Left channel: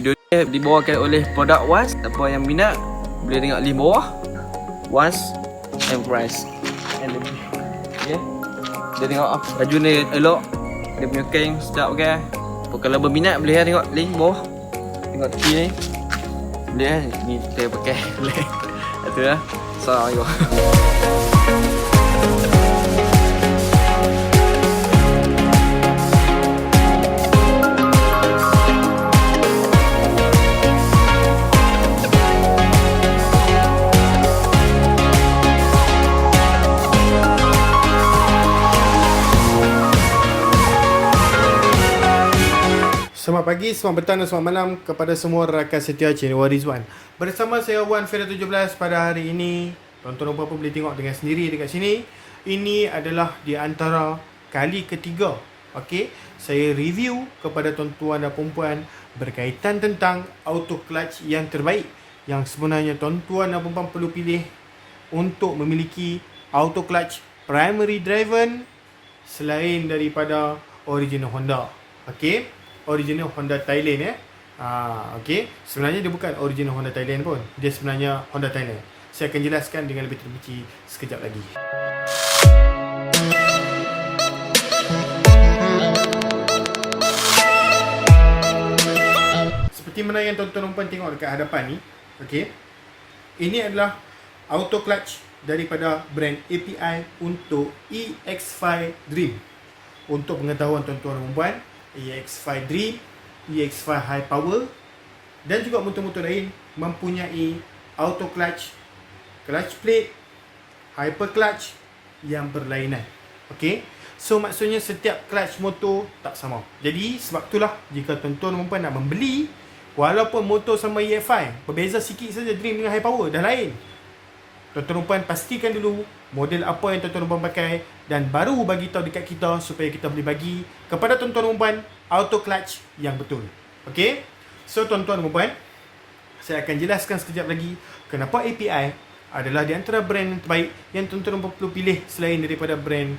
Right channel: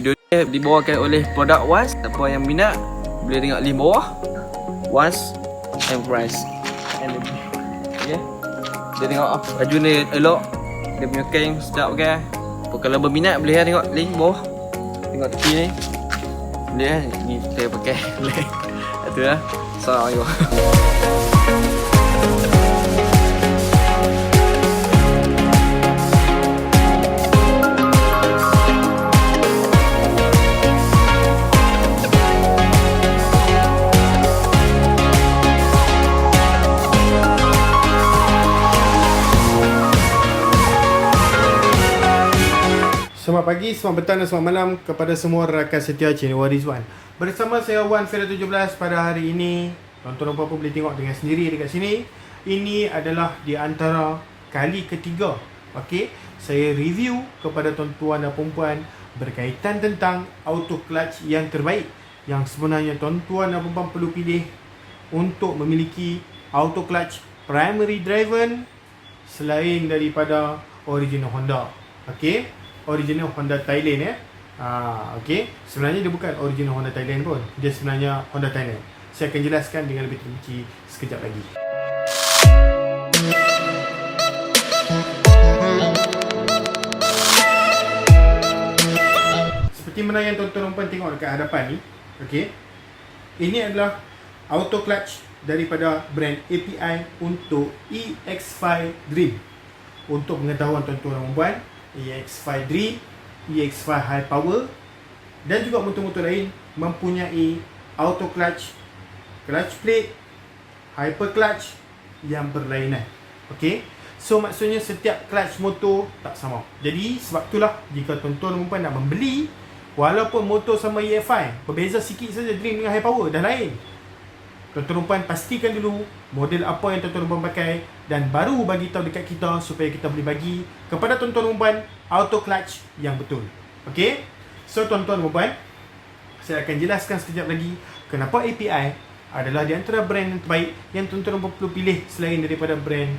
Video ni dibawakan oleh produk Was. Siapa yang minat boleh tengok link bawah. Was Enterprise. Okay. Dia tengok baju ni elok. Dia punya kain sedap pakai. Kalau berminat boleh tengok link bawah. Tengok tepi ni. Boleh ni saya pakai. Itu lah. Assalamualaikum. Selamat pagi, selamat petang dan selamat malam kepada semua rakan setia channel Rizwan. Bersama saya Wan Fera 17 pada hari ini. Tuan-tuan dan puan boleh tengok dengan sendiri dekat sini. Ini adalah di antara kali ketiga, okey, saya review kepada tuan-tuan dan puan berkaitan tentang auto clutch yang terbaik yang sebenarnya tuan-tuan dan puan perlu pilih untuk memiliki auto clutch primary driven selain daripada original Honda. Okey, original Honda Thailand okey. Sebenarnya dia bukan original Honda Thailand pun. Dia sebenarnya Honda Thailand. Saya akan jelaskan dengan lebih terperinci sekejap lagi. Seperti mana yang tuan-tuan puan tengok dekat hadapan ni, okey. Ini adalah auto clutch daripada brand API untuk EX5 Dream. Untuk pengetahuan tuan-tuan dan puan, EX5 Dream, EX5 High Power dan juga motor-motor lain mempunyai auto clutch, clutch plate, hyper clutch yang berlainan. Okey. So maksudnya setiap clutch motor tak sama. Jadi sebab itulah jika tuan-tuan dan puan nak membeli, walaupun motor sama EX5, berbeza sikit saja Dream dengan High Power dah lain. Tuan-tuan dan puan pastikan dulu model apa yang tuan-tuan dan puan pakai dan baru bagi tahu dekat kita supaya kita boleh bagi kepada tuan-tuan dan puan auto clutch yang betul. Okey. So tuan-tuan dan puan, saya akan jelaskan sekejap lagi kenapa API adalah di antara brand yang terbaik yang tuan-tuan dan puan perlu pilih selain daripada brand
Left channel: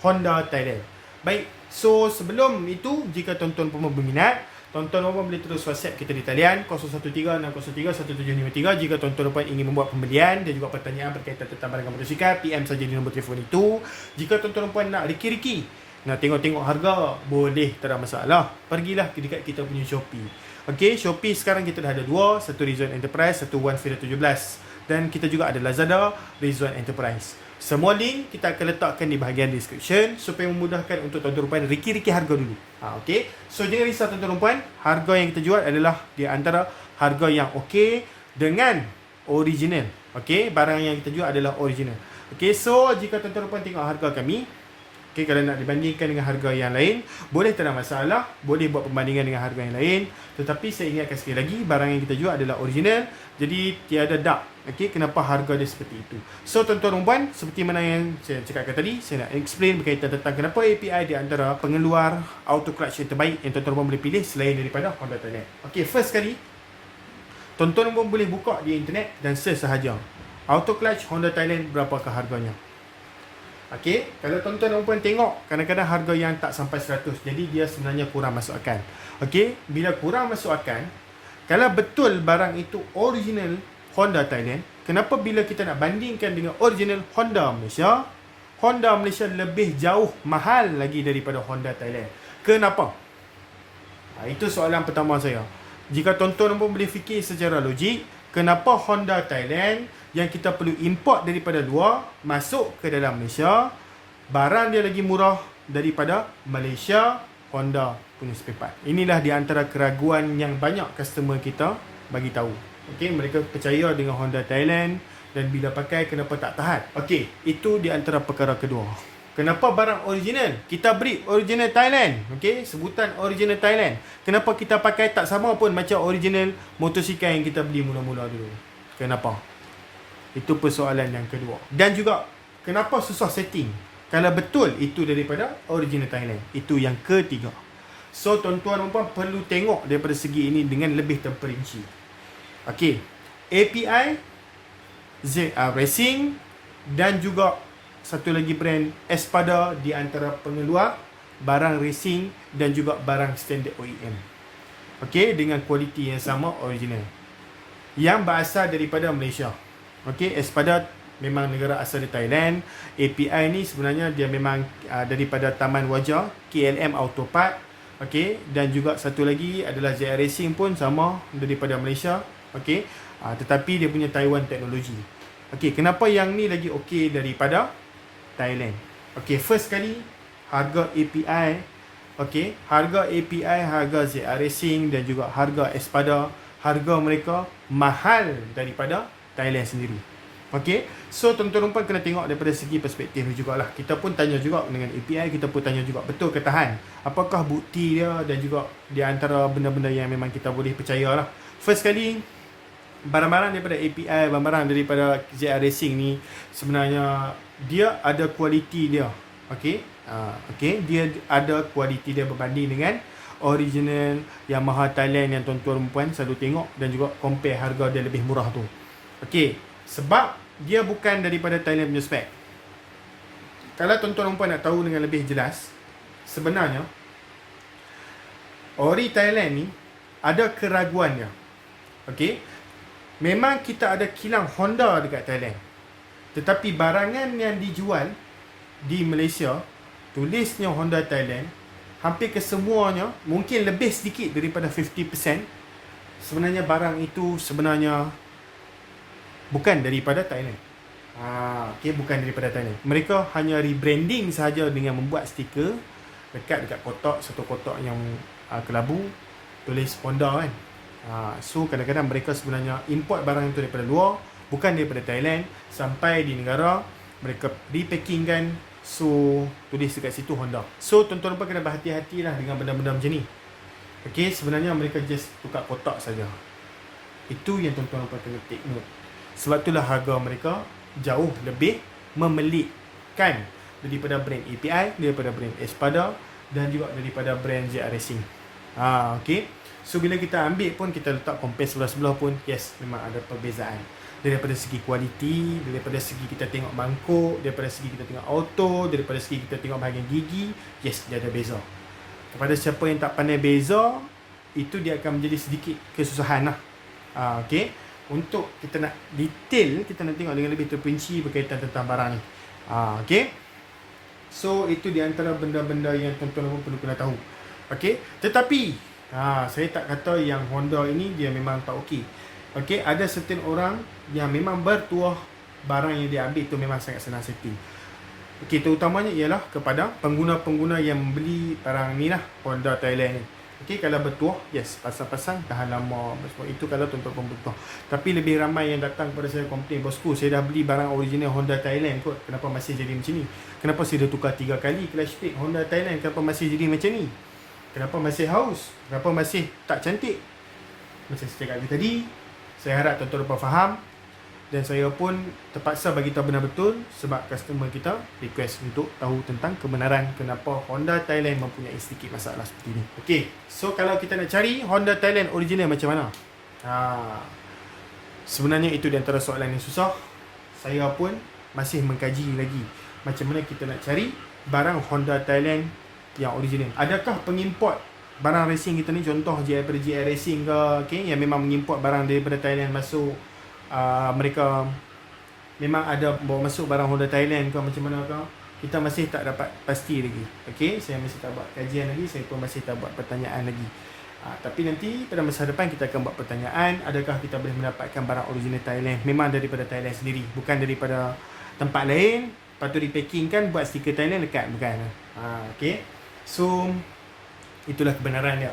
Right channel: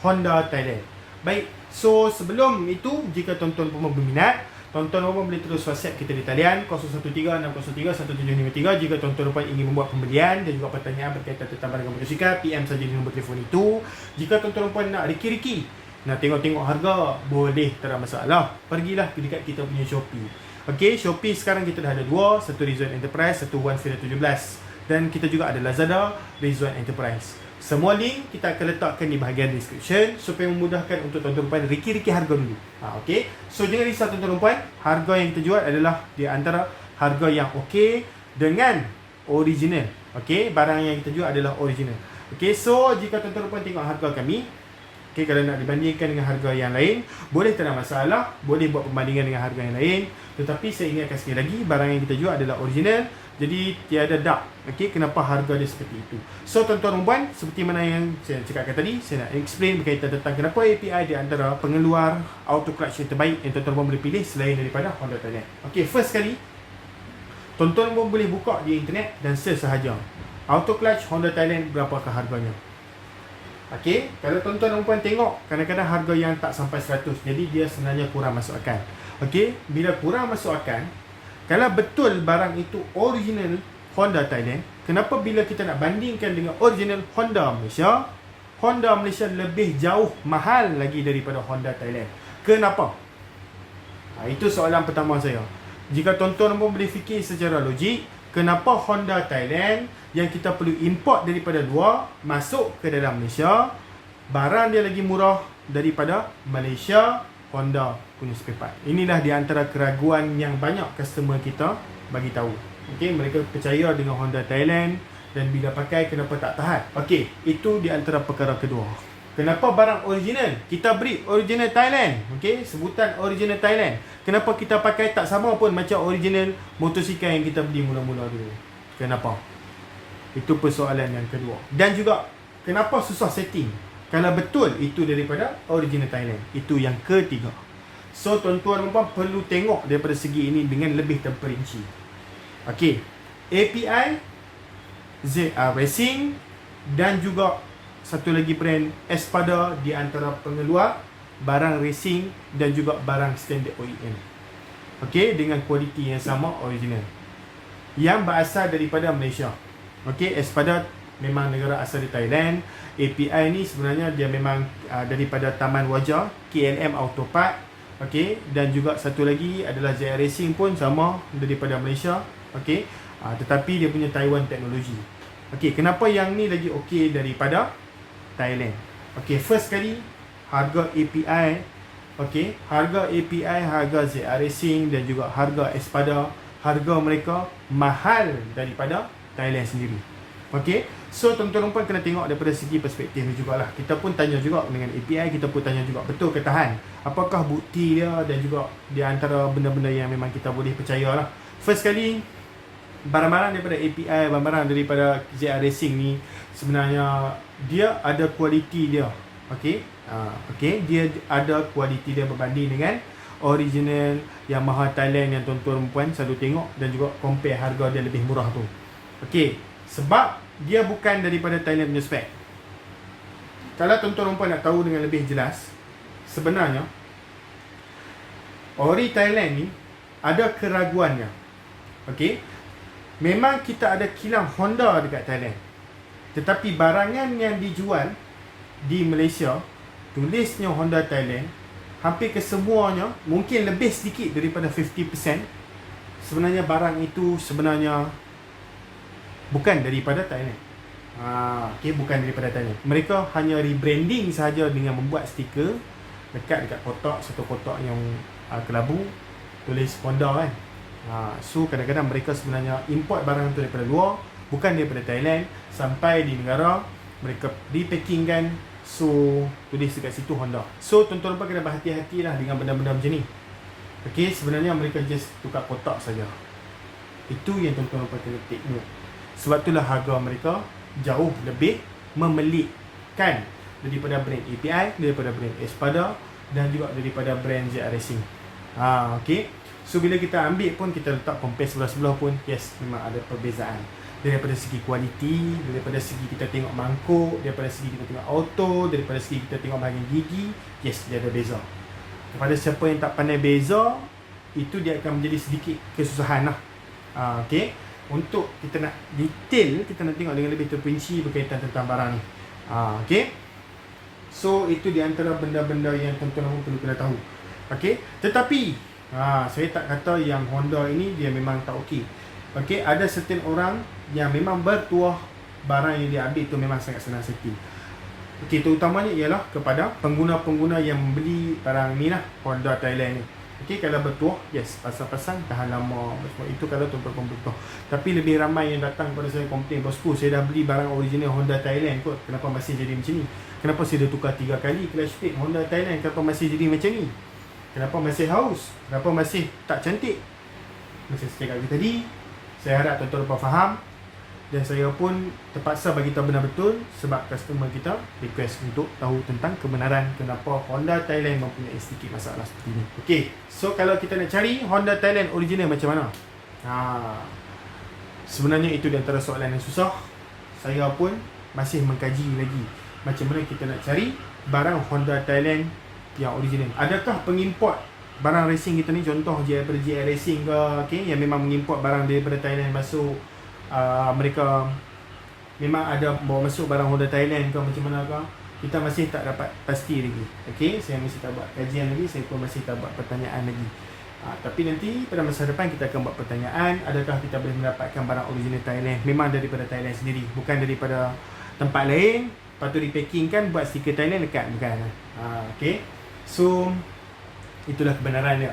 Honda Thailand. Baik. So sebelum itu, jika tuan-tuan dan puan berminat, tuan-tuan dan puan boleh terus WhatsApp kita di talian 0136031753 jika tuan-tuan dan puan ingin membuat pembelian dan juga pertanyaan berkaitan tentang barang motosikal. PM saja di nombor telefon itu. Jika tuan-tuan dan puan nak riki-riki, nak tengok-tengok harga, boleh, tak ada masalah. Pergilah ke dekat kita punya Shopee. Okey, Shopee sekarang kita dah ada dua, satu Rizwan Enterprise, satu Wan Fera 17. Dan kita juga ada Lazada, Rizwan Enterprise. Semua link kita akan letakkan di bahagian description supaya memudahkan untuk tuan-tuan dan puan riki-riki harga dulu. Okey. So jangan risau tuan-tuan dan puan, harga yang kita jual adalah di antara harga yang okey dengan original. Okey, barang yang kita jual adalah original. Okey, so jika tuan-tuan dan puan tengok harga kami, okey, kalau nak dibandingkan dengan harga yang lain, boleh, tak ada masalah, boleh buat perbandingan dengan harga yang lain. Tetapi saya ingatkan sekali lagi, barang yang kita jual adalah original, jadi tiada dark. Okey, kenapa harga dia seperti itu. So tuan-tuan dan puan, seperti mana yang saya cakapkan tadi, saya nak explain berkaitan tentang kenapa API di antara pengeluar auto clutch yang terbaik yang tuan-tuan dan puan boleh pilih selain daripada Honda Thailand. Okey, first kali, tuan-tuan dan puan boleh buka di internet dan search sahaja auto clutch Honda Thailand berapakah harganya. Okey, kalau tuan-tuan dan puan tengok, kadang-kadang harga yang tak sampai 100, jadi dia sebenarnya kurang masuk akal. Okey, bila kurang masuk akal, kalau betul barang itu original Honda Thailand, kenapa bila kita nak bandingkan dengan original Honda Malaysia, Honda Malaysia lebih jauh mahal lagi daripada Honda Thailand? Kenapa? Itu soalan pertama saya. Jika tuan-tuan pun boleh fikir secara logik, kenapa Honda Thailand yang kita perlu import daripada luar masuk ke dalam Malaysia, barang dia lagi murah daripada Malaysia Honda punya spare part? Inilah di antara keraguan yang banyak customer kita bagi tahu. Okey, mereka percaya dengan Honda Thailand dan bila pakai kenapa tak tahan. Okey, itu di antara perkara kedua. Kenapa barang original kita beri original Thailand? Okey, sebutan original Thailand. Kenapa kita pakai tak sama pun macam original motosikal yang kita beli mula-mula dulu? Kenapa? Itu persoalan yang kedua. Dan juga kenapa susah setting kalau betul itu daripada original Thailand? Itu yang ketiga. So tuan-tuan dan puan perlu tengok daripada segi ini dengan lebih terperinci. Okey, API, ZR Racing dan juga satu lagi brand Espada di antara pengeluar barang racing dan juga barang standard OEM. Okey, dengan kualiti yang sama original. Yang berasal daripada Malaysia. Okey, Espada memang negara asal di Thailand. API ni sebenarnya dia memang daripada Taman Wajah, KLM Autopart. Okey, dan juga satu lagi adalah JR Racing pun sama daripada Malaysia. Okey, tetapi dia punya Taiwan teknologi. Okey, kenapa yang ni lagi okey daripada Thailand? Okey, first kali harga API. Okey, harga API, harga ZR Racing dan juga harga Espada, harga mereka mahal daripada Thailand sendiri. Okey, so tuan-tuan puan kena tengok daripada segi perspektif ni jugalah. Kita pun tanya juga dengan API, kita pun tanya juga betul ke tahan. Apakah bukti dia dan juga di antara benda-benda yang memang kita boleh percaya lah. First kali, barang-barang daripada API, barang-barang daripada ZR Racing ni sebenarnya dia ada kualiti dia. Okey, dia ada kualiti dia berbanding dengan original Yamaha Thailand yang tuan-tuan puan selalu tengok dan juga compare harga dia lebih murah tu. Okey, sebab dia bukan daripada Thailand punya spek. Kalau tuan-tuan puan nak tahu dengan lebih jelas, sebenarnya ori Thailand ni ada keraguannya. Okey, memang kita ada kilang Honda dekat Thailand, tetapi barangan yang dijual di Malaysia tulisnya Honda Thailand, hampir kesemuanya, mungkin lebih sedikit daripada 50%, sebenarnya barang itu sebenarnya bukan daripada Thailand. Okey, bukan daripada Thailand. Mereka hanya rebranding sahaja dengan membuat stiker dekat kotak, satu kotak yang kelabu tulis Honda kan. So kadang-kadang mereka sebenarnya import barang itu daripada luar, bukan daripada Thailand, sampai di negara mereka repackingkan. So tulis dekat situ Honda. So tuan-tuan pun kena berhati-hatilah dengan benda-benda macam ni. Okey, sebenarnya mereka just tukar kotak saja. Itu yang tuan-tuan pun kena take note. Sebab itulah harga mereka jauh lebih memelitkan daripada brand API, daripada brand Espada dan juga daripada brand ZR Racing. Okey. So bila kita ambil pun, kita letak compare sebelah-sebelah pun, yes, memang ada perbezaan. Daripada segi kualiti, daripada segi kita tengok mangkuk, daripada segi kita tengok auto, daripada segi kita tengok bahagian gigi, yes, dia ada beza. Kepada siapa yang tak pandai beza, itu dia akan menjadi sedikit kesusahan lah. Okey, untuk kita nak detail, kita nak tengok dengan lebih terperinci berkaitan tentang barang ni. Okey, so itu di antara benda-benda yang tuan-tuan perlu kena tahu. Okey, tetapi saya tak kata yang Honda ini dia memang tak okey. Okey, ada certain orang yang memang bertuah barang yang dia ambil itu memang sangat senang setting. Okey, terutamanya ialah kepada pengguna-pengguna yang beli barang ni lah, Honda Thailand ni. Okey, kalau bertuah, yes, pasang-pasang tahan lama. Sebab itu kalau tuan-tuan bertuah. Tapi lebih ramai yang datang kepada saya komplain, bosku, saya dah beli barang original Honda Thailand kot, kenapa masih jadi macam ni? Kenapa saya dah tukar 3 kali clutch plate Honda Thailand, kenapa masih jadi macam ni? Kenapa masih haus? Kenapa masih tak cantik? Macam saya cakap tadi, saya harap tuan-tuan faham. Dan saya pun terpaksa bagi tahu benar betul sebab customer kita request untuk tahu tentang kebenaran kenapa Honda Thailand mempunyai sedikit masalah seperti ini. Okey, so kalau kita nak cari Honda Thailand original macam mana? Sebenarnya itu di antara soalan yang susah. Saya pun masih mengkaji lagi macam mana kita nak cari barang Honda Thailand yang original. Adakah pengimport barang racing kita ni, contoh daripada JR Racing ke, okay, yang memang mengimport barang daripada Thailand masuk, mereka memang ada bawa masuk barang Honda Thailand ke macam mana ke, kita masih tak dapat pasti lagi. Okay, saya masih tak buat kajian lagi, saya pun masih tak buat pertanyaan lagi. Tapi nanti pada masa depan kita akan buat pertanyaan, adakah kita boleh mendapatkan barang original Thailand memang daripada Thailand sendiri, bukan daripada tempat lain, lepas tu repacking kan, buat stiker Thailand dekat, bukan. Okay, so itulah kebenaran dia.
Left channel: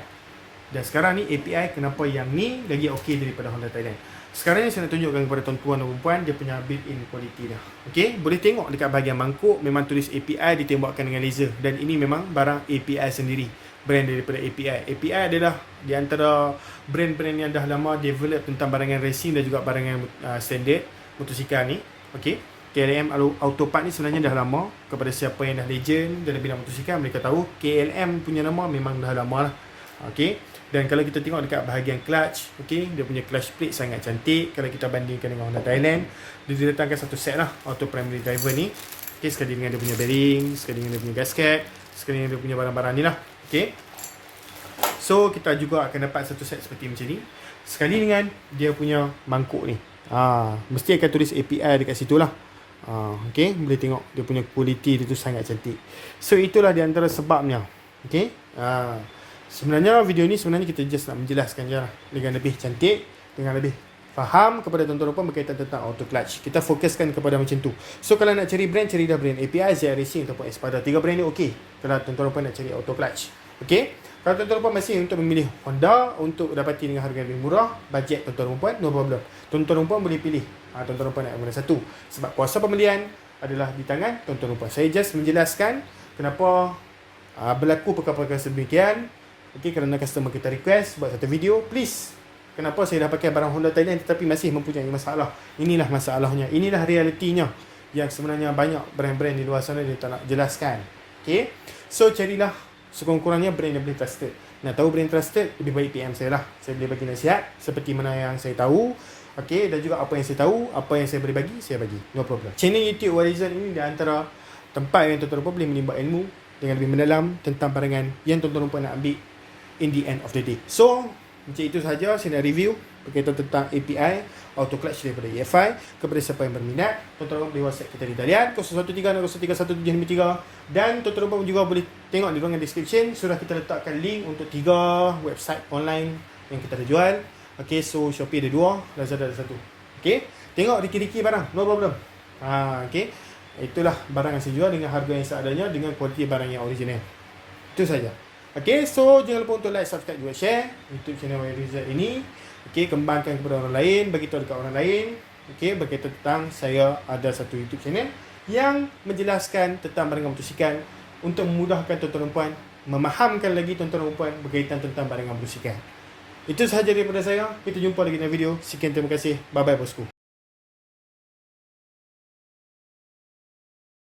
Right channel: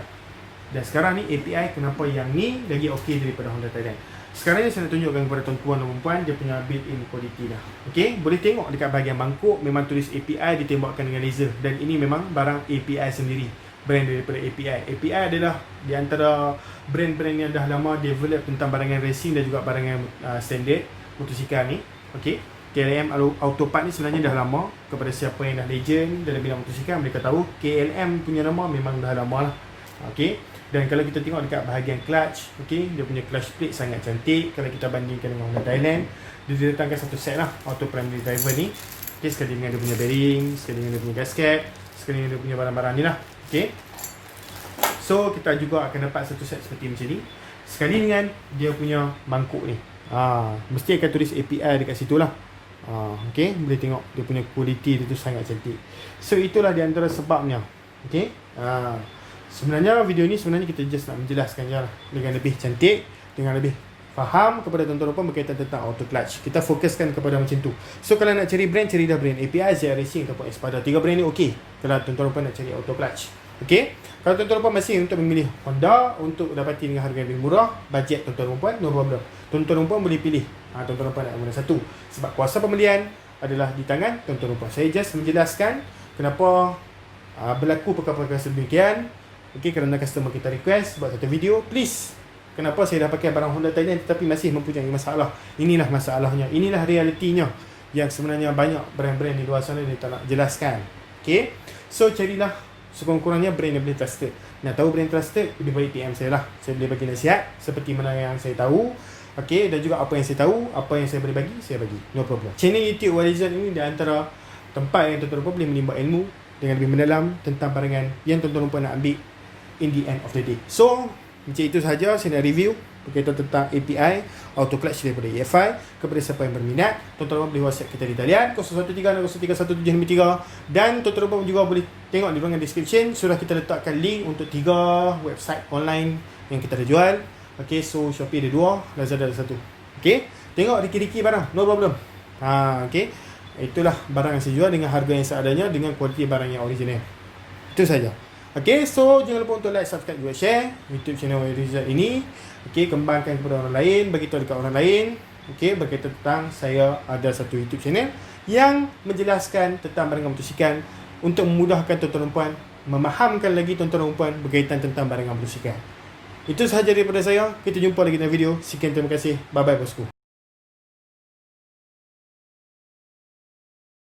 Dan sekarang ni API kenapa yang ni lagi okey daripada Honda Thailand. Sekarang ni saya nak tunjukkan kepada tuan-tuan dan puan dia punya built-in quality dah. Okey, boleh tengok dekat bahagian mangkuk memang tulis API ditembakkan dengan laser, dan ini memang barang API sendiri, brand daripada API. API adalah di antara brand-brand yang dah lama develop tentang barangan racing dan juga barangan standard motosikal ni. Okey, KLM Autopart ni sebenarnya dah lama. Kepada siapa yang dah legend dalam bidang motosikal, mereka tahu KLM punya nama memang dah lama lah. Okey, dan kalau kita tengok dekat bahagian clutch, okey, dia punya clutch plate sangat cantik. Kalau kita bandingkan dengan Honda Thailand, dia didatangkan satu set lah auto primary driver ni. Okey, sekali dengan dia punya bearing, sekali dengan dia punya gasket, sekali dengan dia punya barang-barang ni lah. Okey, So kita juga akan dapat satu set seperti macam ni, sekali dengan dia punya mangkuk ni. Mesti akan tulis API dekat situ lah. Okay, boleh tengok dia punya quality dia tu sangat cantik. So itulah di antara sebabnya. Okay, sebenarnya video ni sebenarnya kita just nak menjelaskan je lah, dengan lebih cantik, dengan lebih faham kepada tuan-tuan dan puan berkaitan tentang auto clutch. Kita fokuskan kepada macam tu. So kalau nak cari brand, cari dah brand API, ZR Racing ataupun Espada. 3 brand ni okey kalau tuan-tuan dan puan nak cari auto clutch. Okey, kalau tuan-tuan dan puan masih untuk memilih Honda untuk dapati dengan harga lebih murah, bajet tuan-tuan dan puan, no problem. Tuan-tuan dan puan boleh pilih tuan-tuan dan puan nak mana satu, sebab kuasa pembelian adalah di tangan tuan-tuan dan puan. Saya just menjelaskan kenapa berlaku perkara-perkara sedemikian. Okey, kerana customer kita request buat satu video, please. Kenapa saya dah pakai barang Honda Thailand tetapi masih mempunyai masalah. Inilah masalahnya. Inilah realitinya yang sebenarnya banyak brand-brand di luar sana dia tak nak jelaskan. Okay, so carilah sekurang-kurangnya brand yang boleh trusted. Nak tahu brand trusted, lebih baik PM saya lah. Saya boleh bagi nasihat seperti mana yang saya tahu. Okay, dan juga apa yang saya tahu, apa yang saya boleh bagi, saya bagi. No problem. Channel YouTube Horizon ini di antara tempat yang tuan-tuan boleh menimba ilmu dengan lebih mendalam tentang barangan yang tuan-tuan nak ambil in the end of the day. So macam itu sahaja saya nak review berkaitan tentang API auto clutch daripada EFI. Kepada siapa yang berminat, tuan-tuan boleh WhatsApp kita di talian 013-031713, dan tuan-tuan juga boleh tengok di ruangan description, sudah kita letakkan link untuk 3 website online yang kita ada jual. Okay, so Shopee ada 2, Lazada ada 1. Okay, tengok riki-riki barang, no problem. Okay, itulah barang yang saya jual dengan harga yang seadanya, dengan kualiti barang yang original. Itu saja. Okay, so jangan lupa untuk like, subscribe juga share YouTube channel Rizal ini. Okay, kembangkan kepada orang lain, bagi tahu dekat orang lain. Okay, berkaitan tentang saya ada satu YouTube channel yang menjelaskan tentang barangan motosikal untuk memudahkan tuan-tuan dan puan, memahamkan lagi tuan-tuan dan puan berkaitan tentang barangan motosikal. Itu sahaja daripada saya. Kita jumpa lagi dalam video. Sekian, terima kasih. Bye bye bosku.